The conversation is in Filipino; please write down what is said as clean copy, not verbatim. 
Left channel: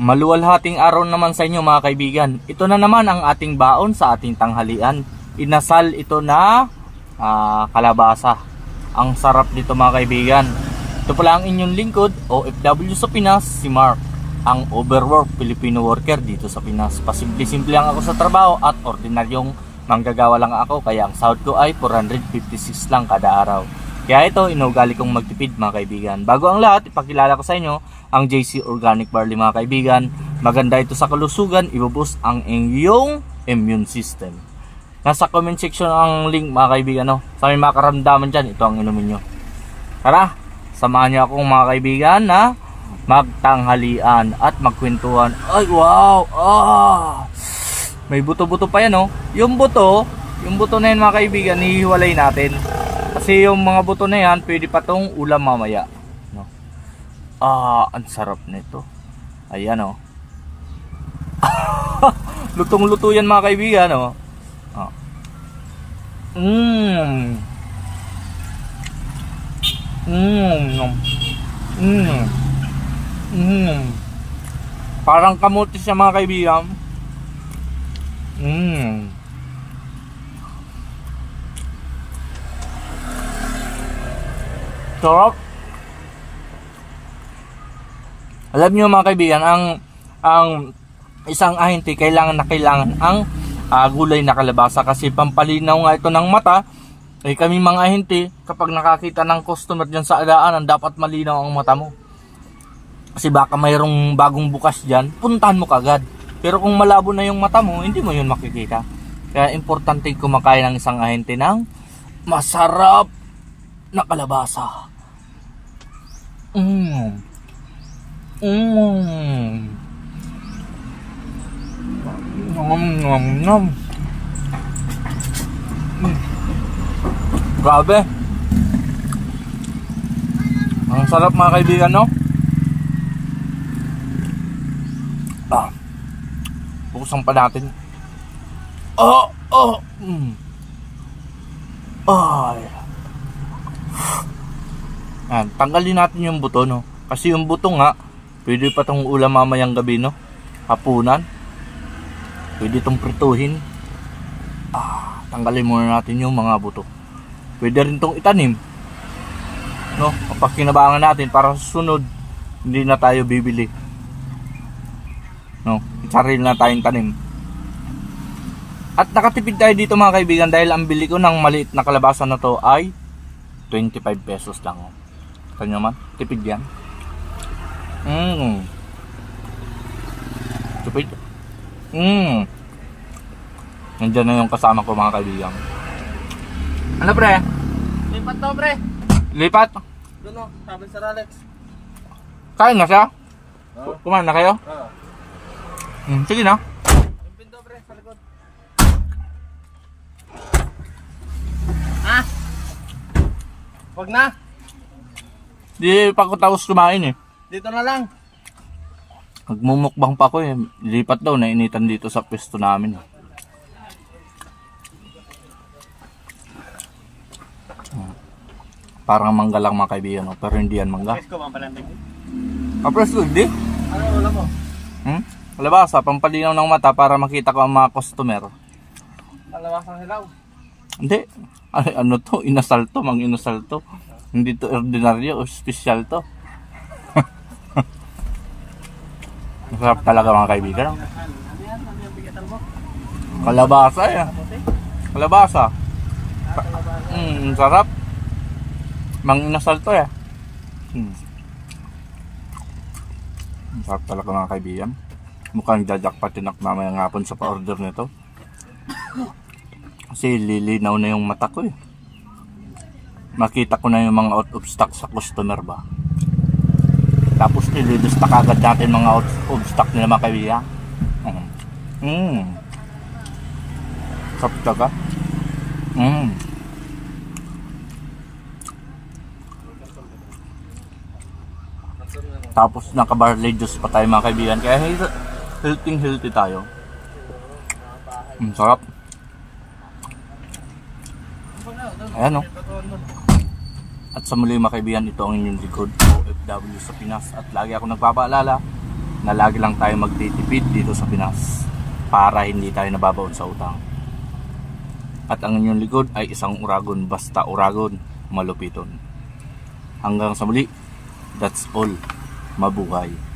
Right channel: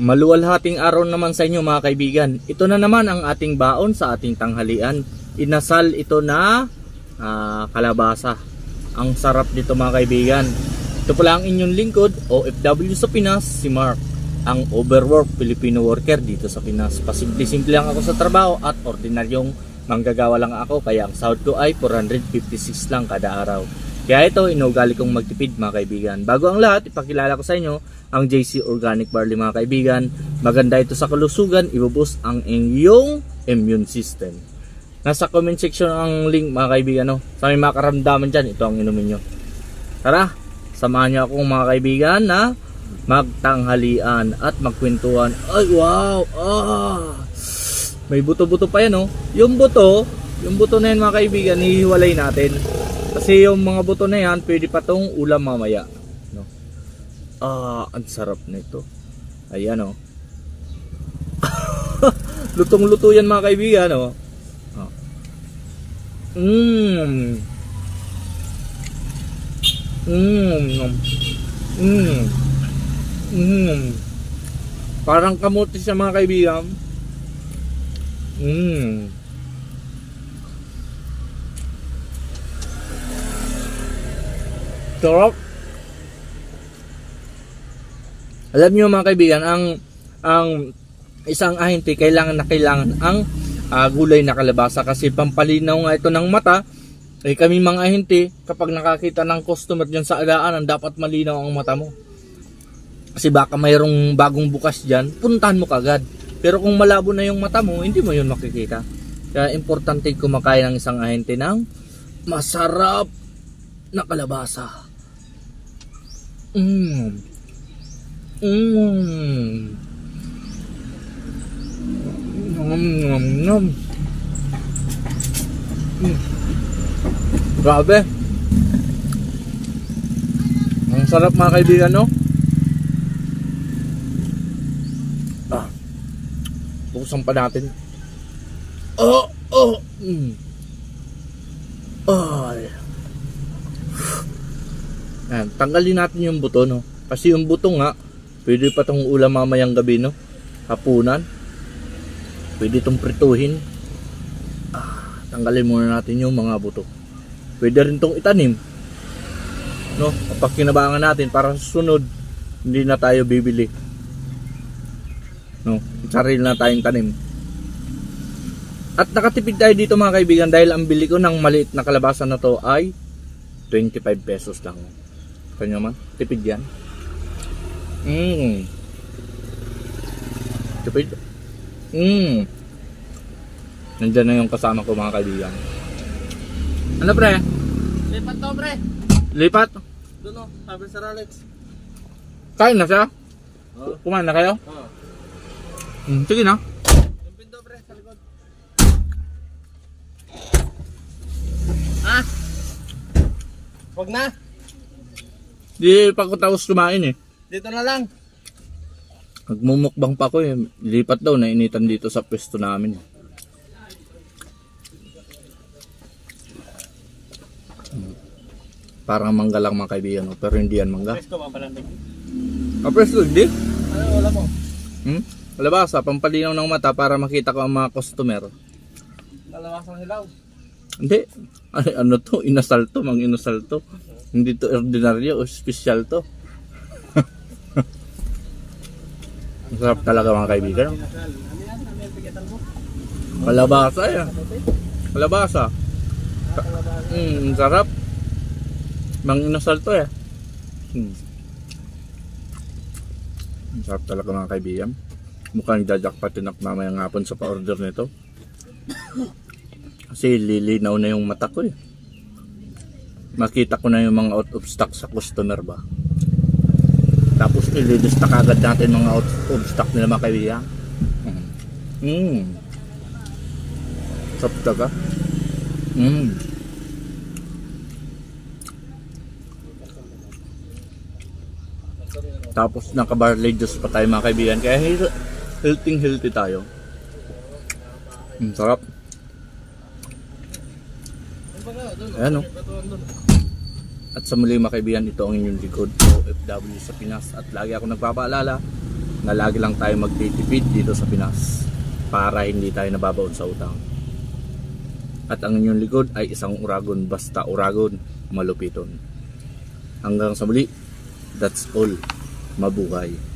Maluwalhating araw naman sa inyo mga kaibigan. Ito na naman ang ating baon sa ating tanghalian. Inasal ito na kalabasa. Ang sarap nito mga kaibigan. Ito pala ang inyong lingkod, OFW sa Pinas, si Mark. Ang overwork Filipino worker dito sa Pinas. Pasimple-simple lang ako sa trabaho at ordinaryong manggagawa lang ako. Kaya ang sahod ko ay 456 lang kada araw. Kaya ito, inuugali kong magtipid mga kaibigan. Bago ang lahat, ipakilala ko sa inyo ang JC Organic Barley mga kaibigan. Maganda ito sa kalusugan, ibuboost ang inyong immune system. Nasa comment section ang link mga kaibigan. No? Sa may makaramdaman dyan, ito ang inumin nyo. Tara, samahan nyo akong mga kaibigan na magtanghalian at magkwentuhan. Ay wow, may buto-buto pa yan. Yung buto na yan mga kaibigan, hihiwalay natin. Kasi yung mga buto na yan, pwede pa tong ulam mamaya. Ang sarap nito. Ayan lutong-luto yan mga kaibigan. Parang kamuti siya mga kaibigan. Sarap. Alam niyo mga kaibigan, ang isang ahente kailangan ang gulay na kalabasa kasi pampalinaw nga ito ng mata. Kami mga ahente, kapag nakakita ng customer dyan sa daanan, dapat malinaw ang mata mo. Kasi baka mayroong bagong bukas dyan, puntahan mo kagad. Pero kung malabo na yung mata mo, hindi mo yun makikita. Kaya importante kumakain ng isang ahente ng masarap na kalabasa. Grabe. Ang sarap mga kaibigan, no? Bukusan pa natin. Tanggalin natin yung buto, no? Kasi yung buto nga, pwede pa tong ulam mamayang gabi, no? Hapunan. Pwede tong prituhin. Tanggalin muna natin yung mga buto. Pwede rin tong itanim, no? Kapag kinabangan natin para sa sunod, hindi na tayo bibili, no? Sarili na tayong tanim. At nakatipid tayo dito mga kaibigan dahil ang bili ko ng maliit na kalabasa na to ay 25 pesos lang. Kanya man, tipid yan. Tipid. Nandiyan na yung kasama ko mga kaibigan. Ano pre? Lipat to pre. Lipat? Doon sabi sa Alex. Kain na siya? Kumain na kayo? Sige na. Yung pinto pre, sa likod. Wag na. Di pa ako tapos kumain eh. Dito na lang. Nagmumukbang pa ako eh. Lipat daw, nainitan dito sa pwesto namin. Parang mangga lang mga kaibigan, no? Pero hindi yan mangga. Presko ba palantig? Presko, hindi? Ano wala mo? Kalabasa, pampalinaw ng mata para makita ko ang mga customer. Kalabasa ng hilaw? Hindi. Ay, ano to? Inasal to, mang inasal to. Hindi to ordinaryo o special to. Masarap talaga mga kaibigan. Kalabasa yan. Kalabasa. Sarap. Mang inasal to ya. Sarap talaga mga kaibigan. Mukhang jajakpatin ako mamayang hapon sa pa-order nito. Kasi lilinaw na yung mata ko eh. Makita ko na yung mga out of stock sa customer ba. Tapos i-restock agad natin mga out of stock nila mga kaibigan. Sarap talaga. Tapos naka-barley juice pa tayo mga kaibigan. Kaya healthy tayo. Sarap. Ayan o. At sa muli mga kaibigan, ito ang inyong likod OFW sa Pinas. At lagi ako nagpapaalala, na lagi lang tayo magtitipid dito sa Pinas para hindi tayo nababaon sa utang. At ang inyong likod ay isang uragon, basta uragon, malupiton. Hanggang sa muli, that's all. Mabuhay.